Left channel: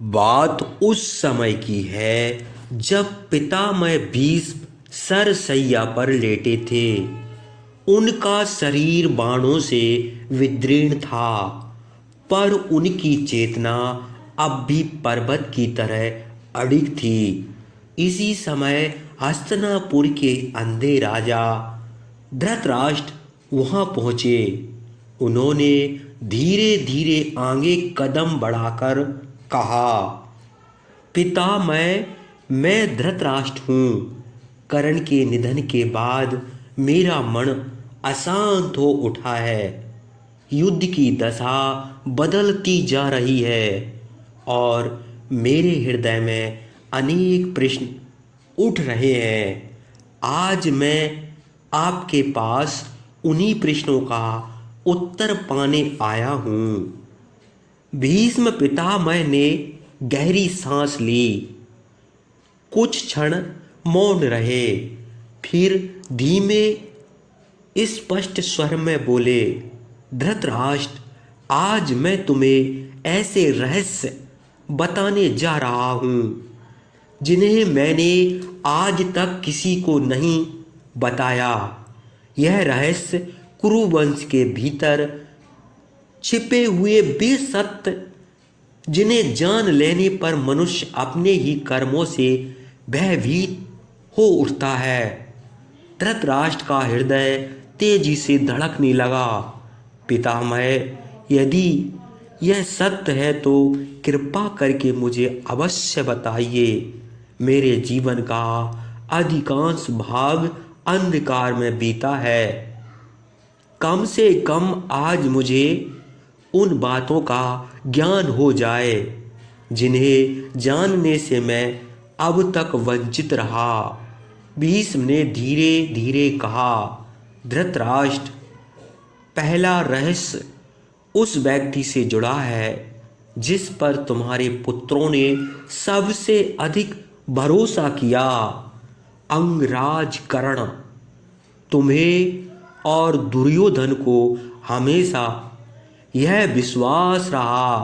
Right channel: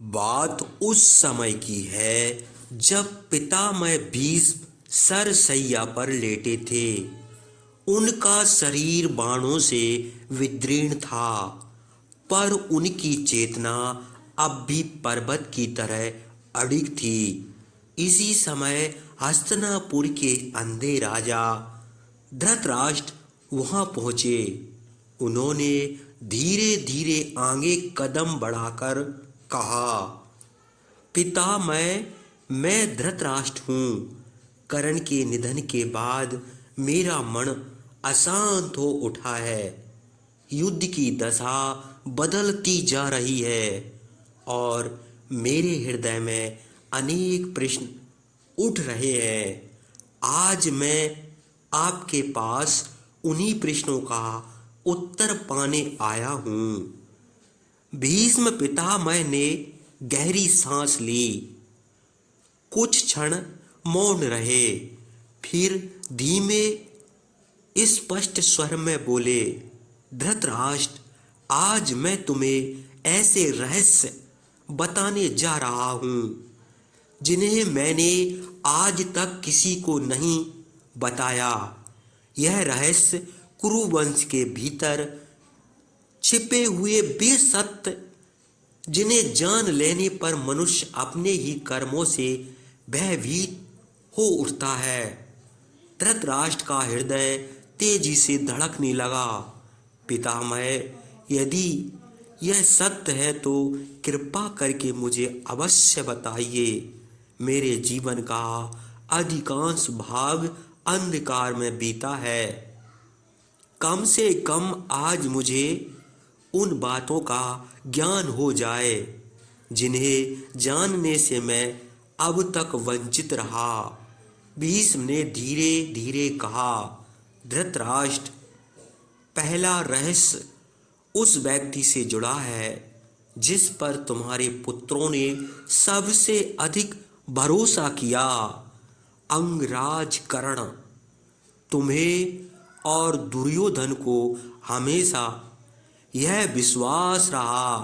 बात उस समय की है जब पितामह भीष्म सरसैया पर लेटे थे। उनका शरीर बाणों से विदीर्ण था, पर उनकी चेतना अब भी पर्वत की तरह अडिग थी। इसी समय हस्तिनापुर के अंधे राजा धृतराष्ट्र वहां पहुंचे। उन्होंने धीरे धीरे आगे कदम बढ़ाकर कहा, पिता मैं धृतराष्ट्र हूँ। कर्ण के निधन के बाद मेरा मन अशांत हो उठा है। युद्ध की दशा बदलती जा रही है और मेरे हृदय में अनेक प्रश्न उठ रहे हैं। आज मैं आपके पास उन्हीं प्रश्नों का उत्तर पाने आया हूँ। भीष्म पितामह ने गहरी सांस ली, कुछ क्षण मौन रहे, फिर धीमे स्पष्ट स्वर में बोले, धृतराष्ट्र, आज मैं तुम्हें ऐसे रहस्य बताने जा रहा हूँ जिन्हें मैंने आज तक किसी को नहीं बताया। यह रहस्य कुरुवंश के भीतर छिपे हुए वे सत्य जिन्हें जान लेने पर मनुष्य अपने ही कर्मों से भयभीत हो उठता है। धृतराष्ट्र का हृदय तेजी से धड़कने लगा। पितामह, यदि यह सत्य है तो कृपा करके मुझे अवश्य बताइए। मेरे जीवन का अधिकांश भाग अंधकार में बीता है। कम से कम आज मुझे उन बातों का ज्ञान हो जाए जिन्हें जानने से मैं अब तक वंचित रहा। भीष्म ने धीरे धीरे कहा, धृतराष्ट्र, पहला रहस्य उस व्यक्ति से जुड़ा है जिस पर तुम्हारे पुत्रों ने सबसे अधिक भरोसा किया, अंगराज कर्ण। तुम्हें और दुर्योधन को हमेशा यह विश्वास रहा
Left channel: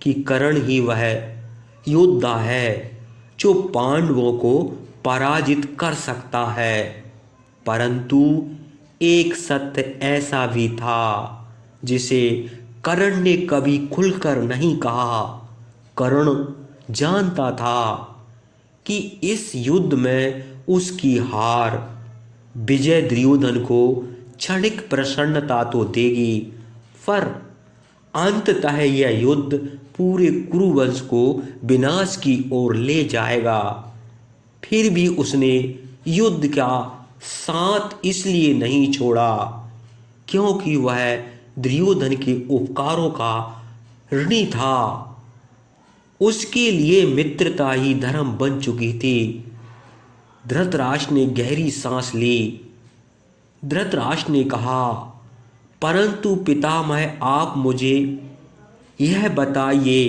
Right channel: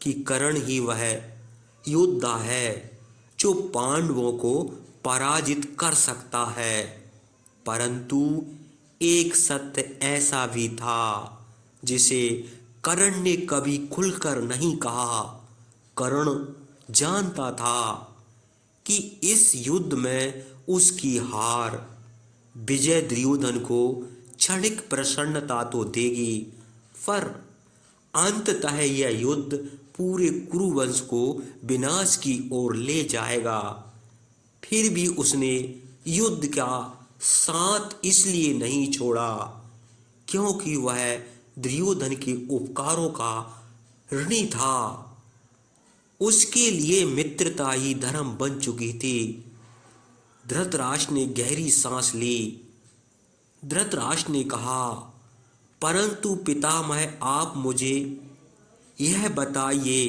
कि कर्ण ही वह योद्धा है जो पांडवों को पराजित कर सकता है। परंतु एक सत्य ऐसा भी था जिसे कर्ण ने कभी खुलकर नहीं कहा। कर्ण जानता था कि इस युद्ध में उसकी हार, विजय दुर्योधन को क्षणिक प्रसन्नता तो देगी, पर अंततः यह युद्ध पूरे कुरुवंश को विनाश की ओर ले जाएगा। फिर भी उसने युद्ध का साथ इसलिए नहीं छोड़ा क्योंकि वह दुर्योधन के उपकारों का ऋणी था। उसके लिए मित्रता ही धर्म बन चुकी थी। धृतराष्ट्र ने गहरी सांस ली। धृतराष्ट्र ने कहा, परंतु पितामह, आप मुझे यह बताइए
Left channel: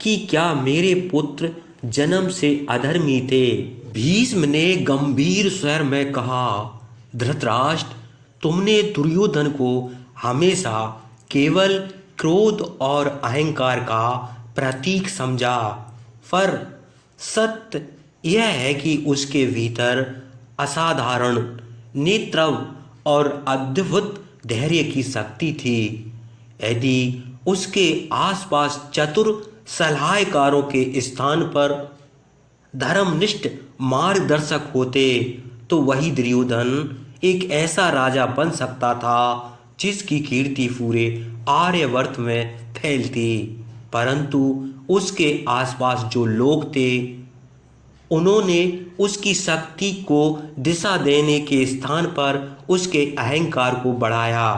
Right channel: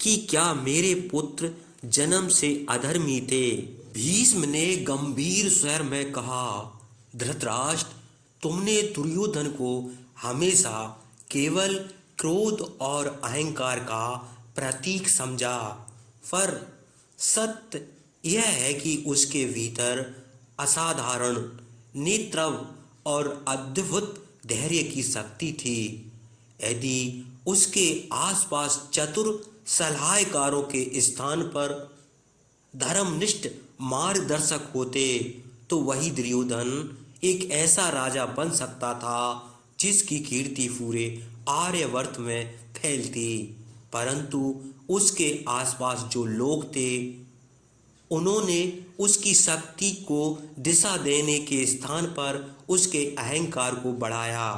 कि क्या मेरे पुत्र जन्म से अधर्मी थे? भीष्म ने गंभीर स्वर में कहा, धृतराष्ट्र, तुमने दुर्योधन को हमेशा केवल क्रोध और अहंकार का प्रतीक समझा, पर सत्य यह है कि उसके भीतर असाधारण नेतृत्व और अद्भुत धैर्य की शक्ति थी। यदि उसके आसपास चतुर सलाहकारों के स्थान पर धर्मनिष्ठ मार्गदर्शक होते तो वही दुर्योधन एक ऐसा राजा बन सकता था जिसकी कीर्ति पूरे आर्यवर्त में फैलती। परंतु उसके आसपास जो लोग थे उन्होंने उसकी शक्ति को दिशा देने के स्थान पर उसके अहंकार को बढ़ाया।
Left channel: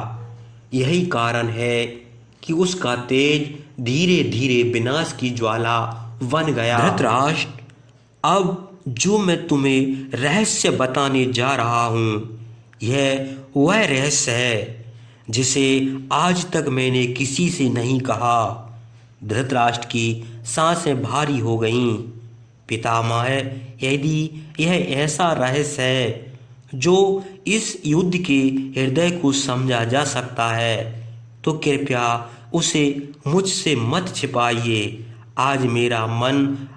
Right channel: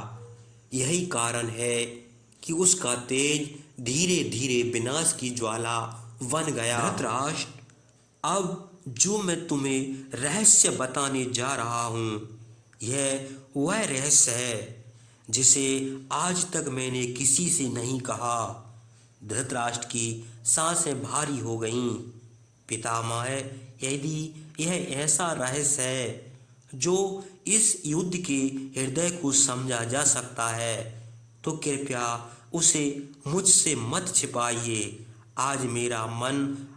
यही कारण है कि उसका तेज धीरे धीरे विनाश की ज्वाला बन गया। धृतराष्ट्र, अब जो मैं तुम्हें रहस्य बताने जा रहा हूँ, यह वह रहस्य है जिसे आज तक मैंने किसी से नहीं कहा। धृतराष्ट्र की सांसें भारी हो गईं। पितामह, यदि यह ऐसा रहस्य है जो इस युद्ध के हृदय को समझा जा सकता है तो कृपया उसे मुझसे मत छिपाइए। आज मेरा मन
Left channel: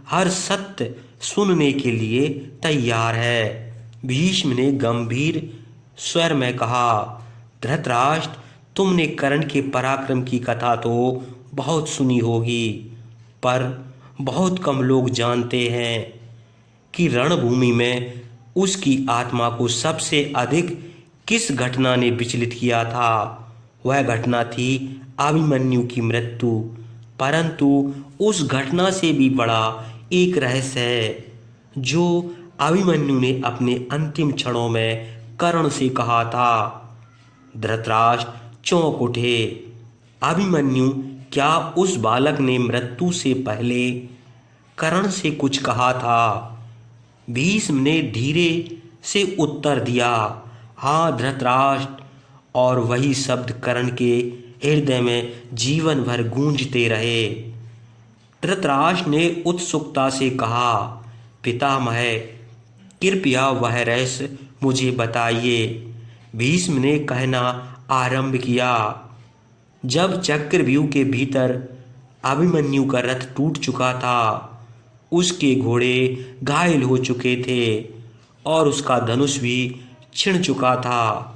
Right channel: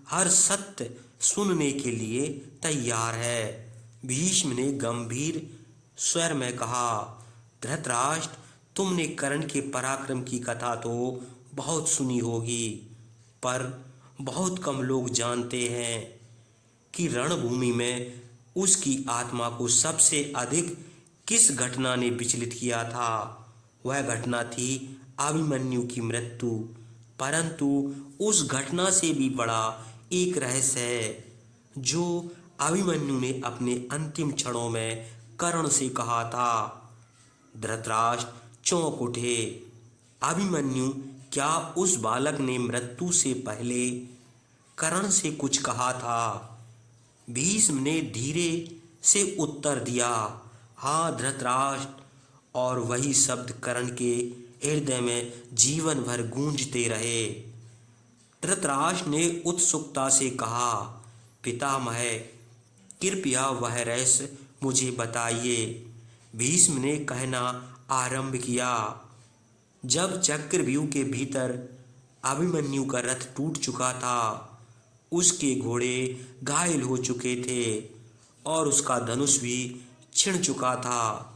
हर सत्य सुनने के लिए तैयार है। भीष्म ने गंभीर स्वर में कहा, धृतराष्ट्र, तुमने कर्ण के पराक्रम की कथा तो बहुत सुनी होगी, पर बहुत कम लोग जानते हैं कि रणभूमि में उसकी आत्मा को सबसे अधिक किस घटना ने विचलित किया था। वह घटना थी अभिमन्यु की मृत्यु। परंतु उस घटना से भी बड़ा एक रहस्य है जो अभिमन्यु ने अपने अंतिम क्षणों में कर्ण से कहा था। धृतराष्ट्र चौंक उठे। अभिमन्यु, क्या उस बालक ने मृत्यु से पहले कर्ण से कुछ कहा था? भीष्म ने धीरे से उत्तर दिया, हाँ धृतराष्ट्र। और वही शब्द कर्ण के हृदय में जीवन भर गूंजते रहे। धृतराष्ट्र ने उत्सुकता से कहा, पितामह, कृपया वह रहस्य मुझे बताइए। भीष्म ने कहना आरंभ किया, जब चक्रव्यूह के भीतर अभिमन्यु का रथ टूट चुका था, उसके घोड़े घायल हो चुके थे और उसका धनुष भी छिन चुका था,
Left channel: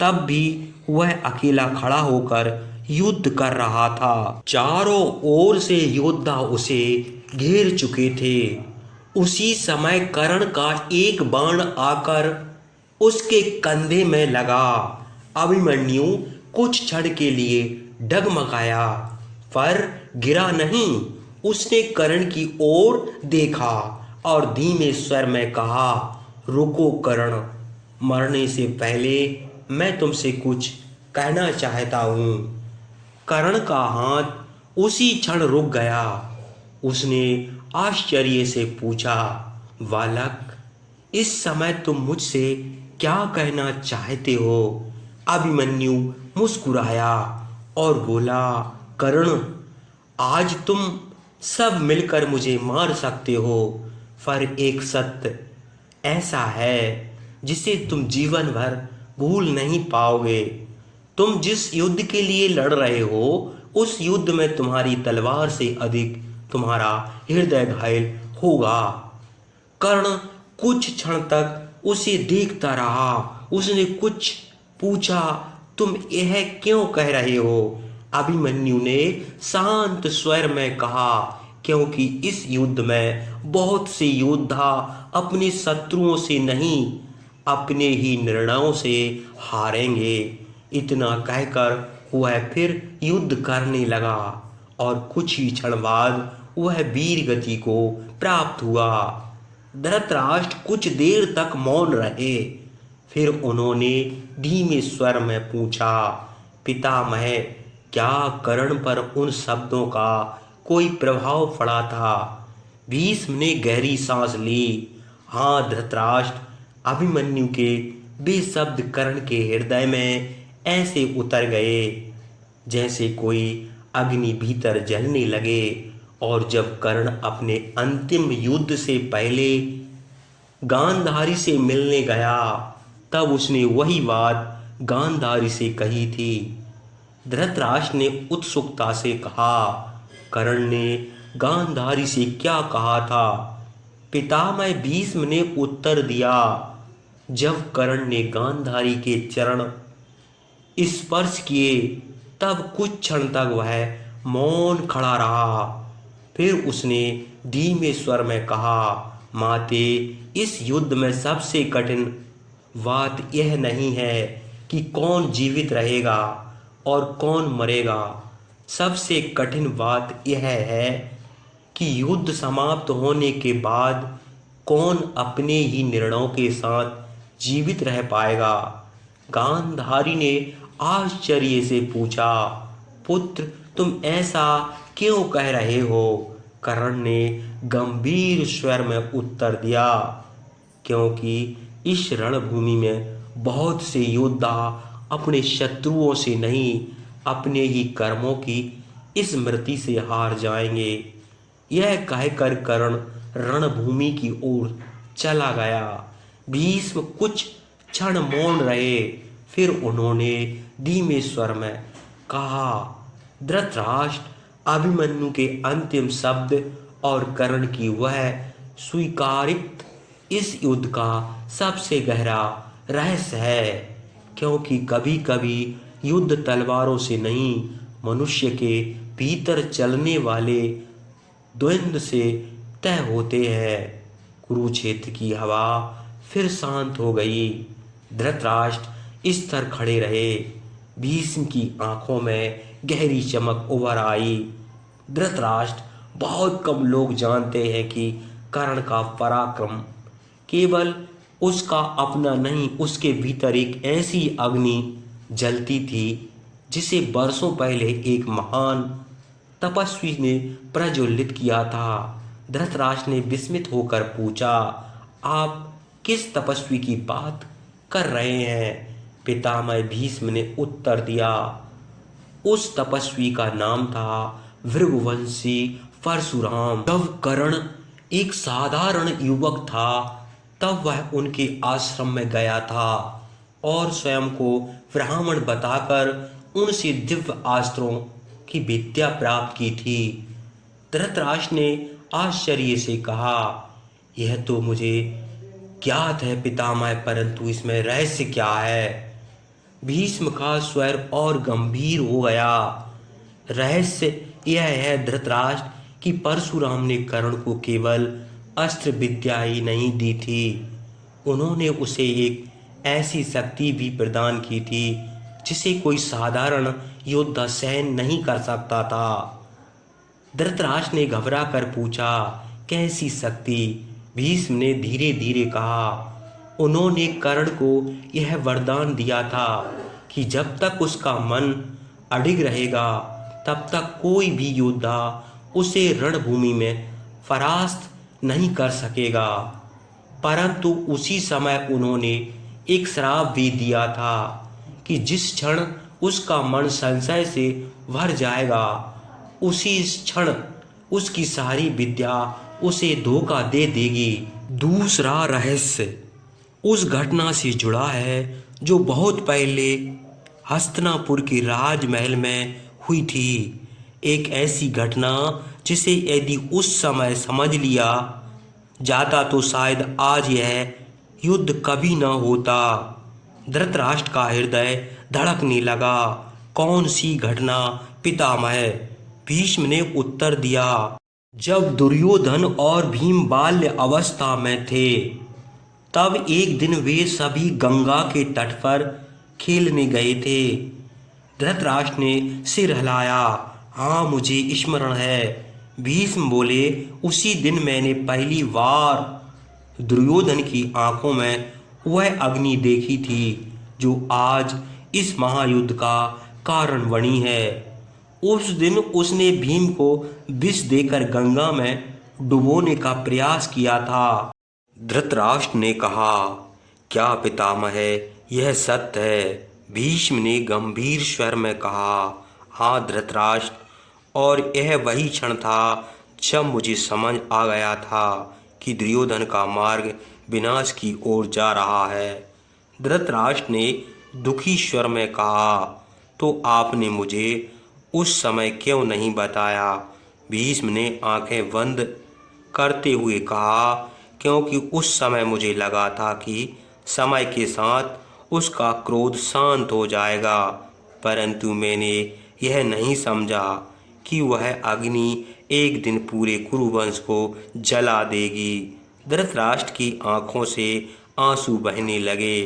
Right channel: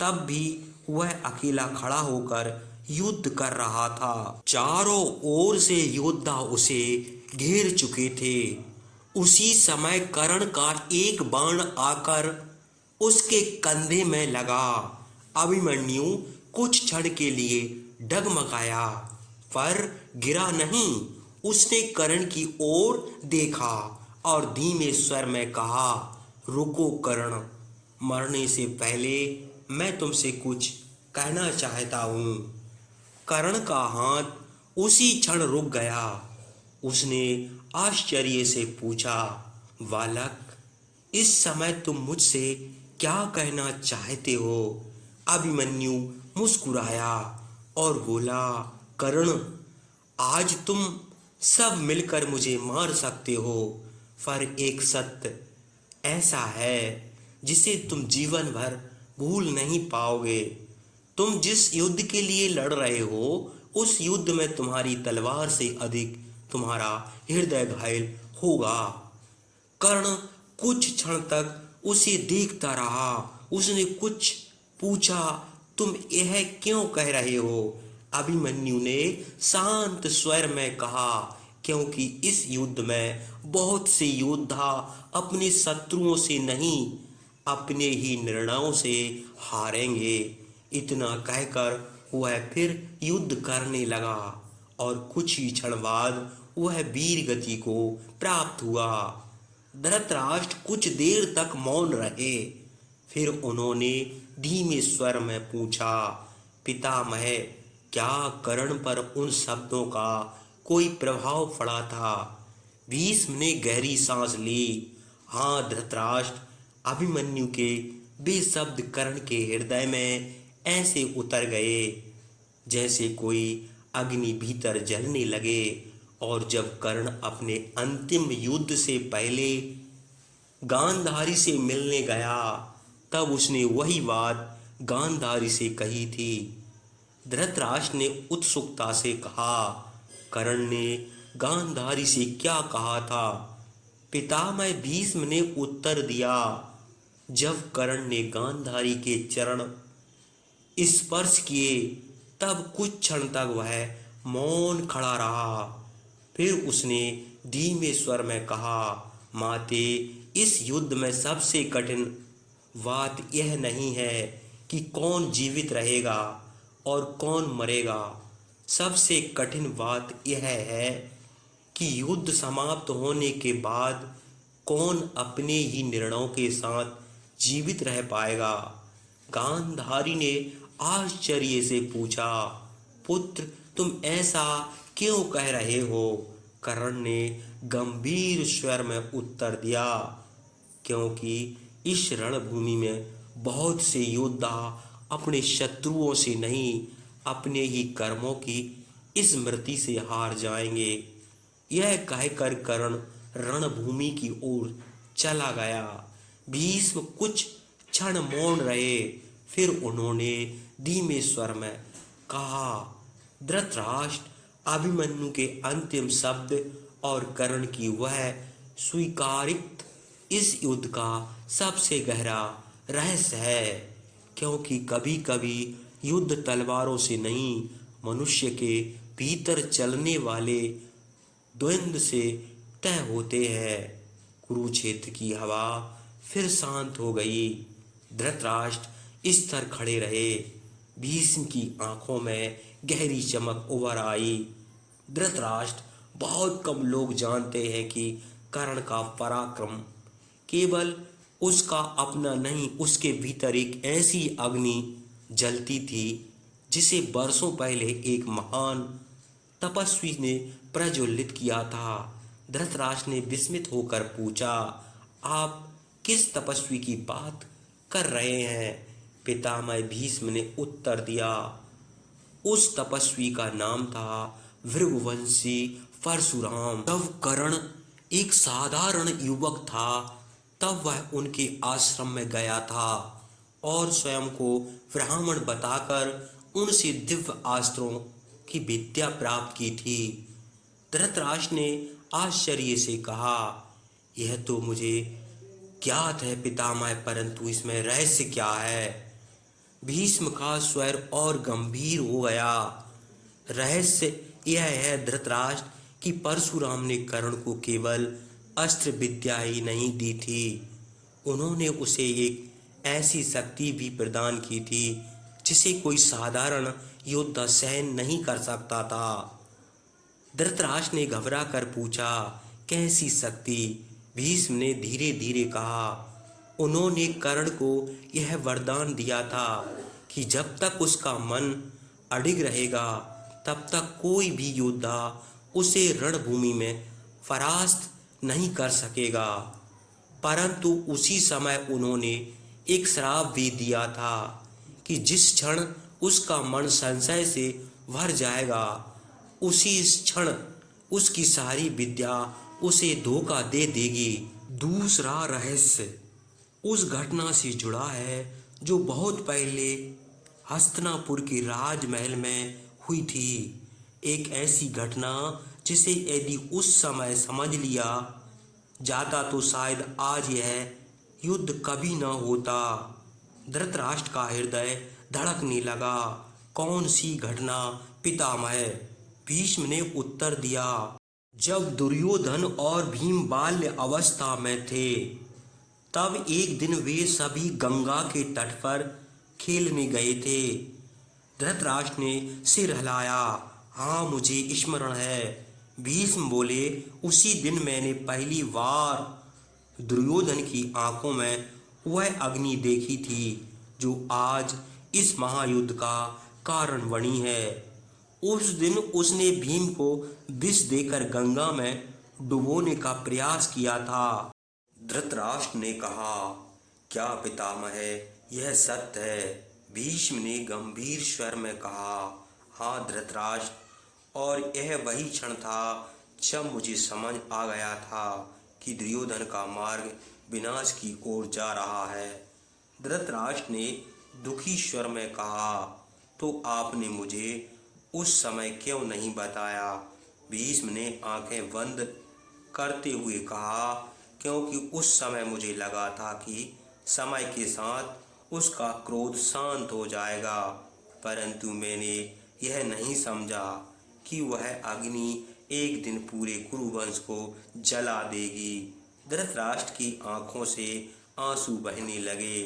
तब भी वह अकेला खड़ा होकर युद्ध कर रहा था। चारों ओर से योद्धा उसे घेर चुके थे। उसी समय कर्ण का एक बाण आकर उसके कंधे में लगा। अभिमन्यु कुछ क्षण के लिए डगमगाया, पर गिरा नहीं। उसने कर्ण की ओर देखा और धीमे स्वर में कहा, रुको कर्ण, मरने से पहले मैं तुमसे कुछ कहना चाहता हूँ। कर्ण का हाथ उसी क्षण रुक गया। उसने आश्चर्य से पूछा, बालक, इस समय तुम मुझसे क्या कहना चाहते हो? अभिमन्यु मुस्कुराया और बोला, कर्ण, आज तुम सब मिलकर मुझे मार सकते हो, पर एक सत्य ऐसा है जिसे तुम जीवन भर भूल नहीं पाओगे। तुम जिस युद्ध के लिए लड़ रहे हो, उस युद्ध में तुम्हारी तलवार से अधिक तुम्हारा हृदय घायल होगा। कर्ण कुछ क्षण तक उसे देखता रहा। उसने कुछ पूछा, तुम यह क्यों कह रहे हो? अभिमन्यु ने शांत स्वर में कहा, क्योंकि इस युद्ध में बहुत से योद्धा अपने शत्रुओं से नहीं, अपने ही निर्णयों से हारेंगे। इतना कहकर वह फिर युद्ध करने लगा और कुछ ही क्षण बाद वह वीर गति को प्राप्त हुआ। धृतराष्ट्र कुछ देर तक मौन रहे। फिर उन्होंने धीमे स्वर में पूछा, पितामह, क्या कर्ण पर उन शब्दों का कोई प्रभाव पड़ा था? भीष्म ने गहरी सांस ली। हाँ धृतराष्ट्र, अभिमन्यु के वे शब्द कर्ण के हृदय में ऐसे उतर गए जैसे कोई अग्नि भीतर जलने लगे। और जब कर्ण अपने अंतिम युद्ध से पहले गांधारी से मिलने गया, तब उसने वही बात गांधारी से कही थी। धृतराष्ट्र ने उत्सुकता से कहा, कर्ण ने गांधारी से क्या कहा था? पितामह, भीष्म ने उत्तर दिया, जब कर्ण ने गांधारी के चरण स्पर्श किए, तब कुछ क्षण तक वह मौन खड़ा रहा। फिर उसने धीमे स्वर में कहा, माते, इस युद्ध में सबसे कठिन बात यह नहीं है कि कौन जीवित रहेगा और कौन मरेगा। सबसे कठिन बात यह है कि युद्ध समाप्त होने के बाद कौन अपने ही निर्णयों के साथ जीवित रह पाएगा। गांधारी ने आश्चर्य से पूछा, पुत्र, तुम ऐसा क्यों कह रहे हो? कर्ण ने गंभीर स्वर में उत्तर दिया, क्योंकि इस रणभूमि में बहुत से योद्धा अपने शत्रुओं से नहीं, अपने ही कर्मों की स्मृति से हार जाएंगे। यह कहकर कर्ण रणभूमि की ओर चला गया। भीष्म कुछ क्षण मौन रहे। फिर उन्होंने धीमे स्वर में कहा, धृतराष्ट्र, अभिमन्यु के अंतिम शब्द और कर्ण की वह स्वीकारित इस युद्ध का सबसे गहरा रहस्य है, क्योंकि कभी कभी युद्ध तलवारों से नहीं, मनुष्य के भीतर चलने वाले द्वंद्व से तय होते हैं। कुरुक्षेत्र की हवा फिर शांत हो गई। धृतराष्ट्र स्थिर खड़े रहे। भीष्म की आंखों में गहरी चमक उभर आई। धृतराष्ट्र, बहुत कम लोग जानते हैं कि कर्ण का पराक्रम केवल उसका अपना नहीं, उसके भीतर एक ऐसी अग्नि जलती थी जिसे वर्षों पहले एक महान तपस्वी ने प्रज्वलित किया था। धृतराष्ट्र ने विस्मित होकर पूछा, आप किस तपस्वी की बात कर रहे हैं? पितामह भीष्म ने उत्तर दिया, उस तपस्वी का नाम था भृगुवंशी परशुराम। जब कर्ण एक साधारण युवक था तब वह उनके आश्रम में गया था और स्वयं को ब्राह्मण बताकर उनसे दिव्य अस्त्रों की विद्या प्राप्त की थी। धृतराष्ट्र ने आश्चर्य से कहा, यह तो मुझे ज्ञात है पितामह, परंतु इसमें रहस्य क्या है? भीष्म का स्वर और गंभीर हो गया। रहस्य यह है धृतराष्ट्र कि परशुराम ने कर्ण को केवल अस्त्र विद्या ही नहीं दी थी, उन्होंने उसे एक ऐसी शक्ति भी प्रदान की थी जिसे कोई साधारण योद्धा सहन नहीं कर सकता था। धृतराष्ट्र ने घबरा कर पूछा, कैसी शक्ति? भीष्म ने धीरे धीरे कहा, उन्होंने कर्ण को यह वरदान दिया था कि जब तक उसका मन अडिग रहेगा तब तक कोई भी योद्धा उसे रणभूमि में परास्त नहीं कर सकेगा। परंतु उसी समय उन्होंने एक श्राप भी दिया था कि जिस क्षण उसका मन संशय से भर जाएगा, उसी क्षण उसकी सारी विद्या उसे धोखा दे देगी। दूसरा रहस्य उस घटना से जुड़ा है जो बहुत पहले हस्तिनापुर के राजमहल में हुई थी। एक ऐसी घटना जिसे यदि उस समय समझ लिया जाता तो शायद आज यह युद्ध कभी न होता। धृतराष्ट्र का हृदय धड़कने लगा। कौन सी घटना पितामह? भीष्म ने उत्तर दिया, जब दुर्योधन और भीम बाल्य अवस्था में थे तब एक दिन वे सभी गंगा के तट पर खेलने गए थे। धृतराष्ट्र ने सिर हिलाया, हाँ मुझे स्मरण है। भीष्म बोले, उसी दिन मैंने पहली बार दुर्योधन की आंखों में वह अग्नि देखी थी जो आज इस महायुद्ध का कारण बनी है। उस दिन उसने भीम को विष देकर गंगा में डुबोने का प्रयास किया था। धृतराष्ट्र ने कहा, क्या पितामह यह सत्य है? भीष्म ने गंभीर स्वर में कहा, हाँ धृतराष्ट्र, और यह वही क्षण था जब मुझे समझ आ गया था कि दुर्योधन का मार्ग विनाश की ओर जा रहा है। धृतराष्ट्र ने दुखी स्वर में कहा, तो आपने मुझे उस समय क्यों नहीं बताया? भीष्म ने आंखें बंद करते हुए कहा, क्योंकि उस समय मुझे लगा था कि समय के साथ उसका क्रोध शांत हो जाएगा, परंतु मैंने यह नहीं समझा कि वह अग्नि एक दिन पूरे कुरुवंश को जला देगी। धृतराष्ट्र की आंखों से आंसू बहने लगे।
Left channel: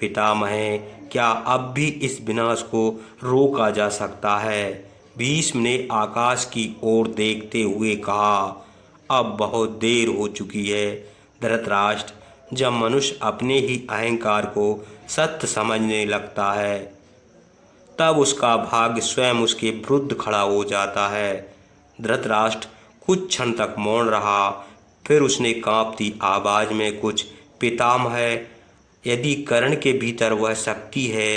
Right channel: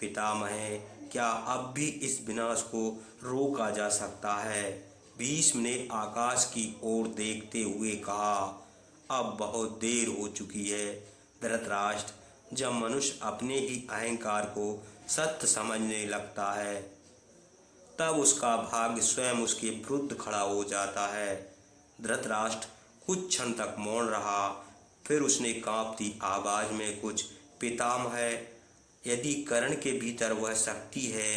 पितामह, क्या अब भी इस विनाश को रोका जा सकता है? भीष्म ने आकाश की ओर देखते हुए कहा, अब बहुत देर हो चुकी है धृतराष्ट्र। जब मनुष्य अपने ही अहंकार को सत्य समझने लगता है तब उसका भाग्य स्वयं उसके विरुद्ध खड़ा हो जाता है। धृतराष्ट्र कुछ क्षण तक मौन रहा, फिर उसने कांपती आवाज में कुछ, पितामह, यदि कर्ण के भीतर वह शक्ति है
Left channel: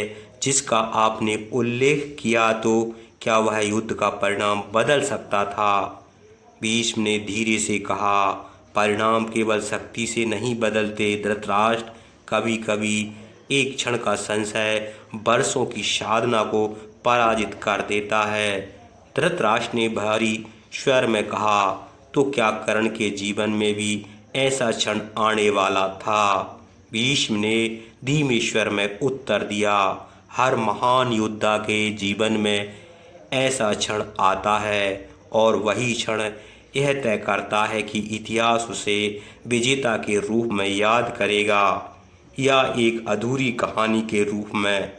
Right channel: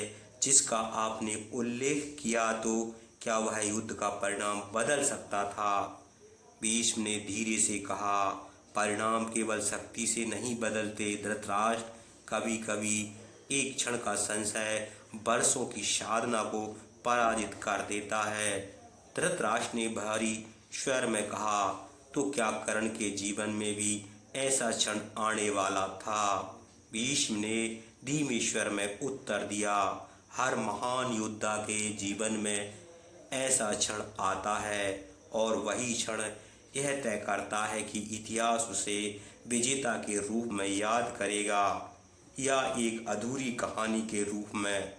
जिसका आपने उल्लेख किया तो क्या वह युद्ध का परिणाम बदल सकता था? भीष्म ने धीरे से कहा, परिणाम केवल शक्ति से नहीं बदलते धृतराष्ट्र, कभी कभी एक क्षण का संशय वर्षों की साधना को पराजित कर देता है। धृतराष्ट्र ने भारी स्वर में कहा, तो क्या कर्ण के जीवन में भी ऐसा क्षण आने वाला था? भीष्म ने धीमे स्वर में उत्तर दिया, हर महान योद्धा के जीवन में ऐसा क्षण आता है और वही क्षण यह तय करता है कि इतिहास उसे विजेता के रूप में याद करेगा या एक अधूरी कहानी के रूप में।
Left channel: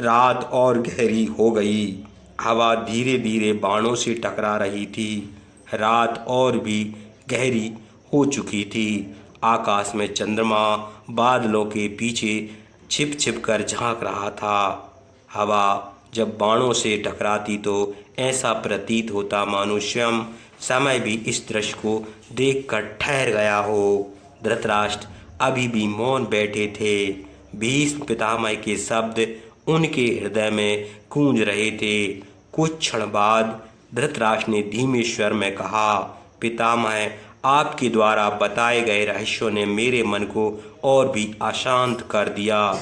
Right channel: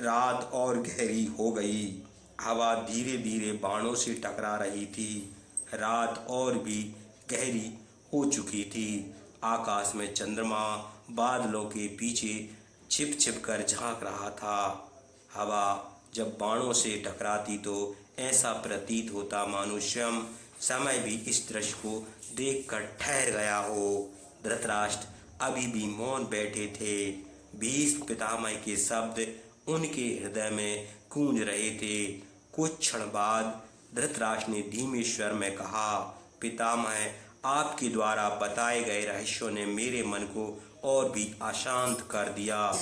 रात और गहरी हो गई। हवा धीरे धीरे बाणों से टकरा रही थी। रात और भी गहरी हो चुकी थी। आकाश में चंद्रमा बादलों के पीछे छिप छिप कर झांक रहा था। हवा जब बाणों से टकराती तो ऐसा प्रतीत होता मानो स्वयं समय भी इस दृश्य को देखकर ठहर गया हो। धृतराष्ट्र अभी भी मौन बैठे थे। भीष्म पितामह के शब्द उनके हृदय में गूंज रहे थे। कुछ क्षण बाद धृतराष्ट्र ने धीमे स्वर में कहा, पितामह, आपके द्वारा बताए गए रहस्यों ने मेरे मन को और भी अशांत कर दिया।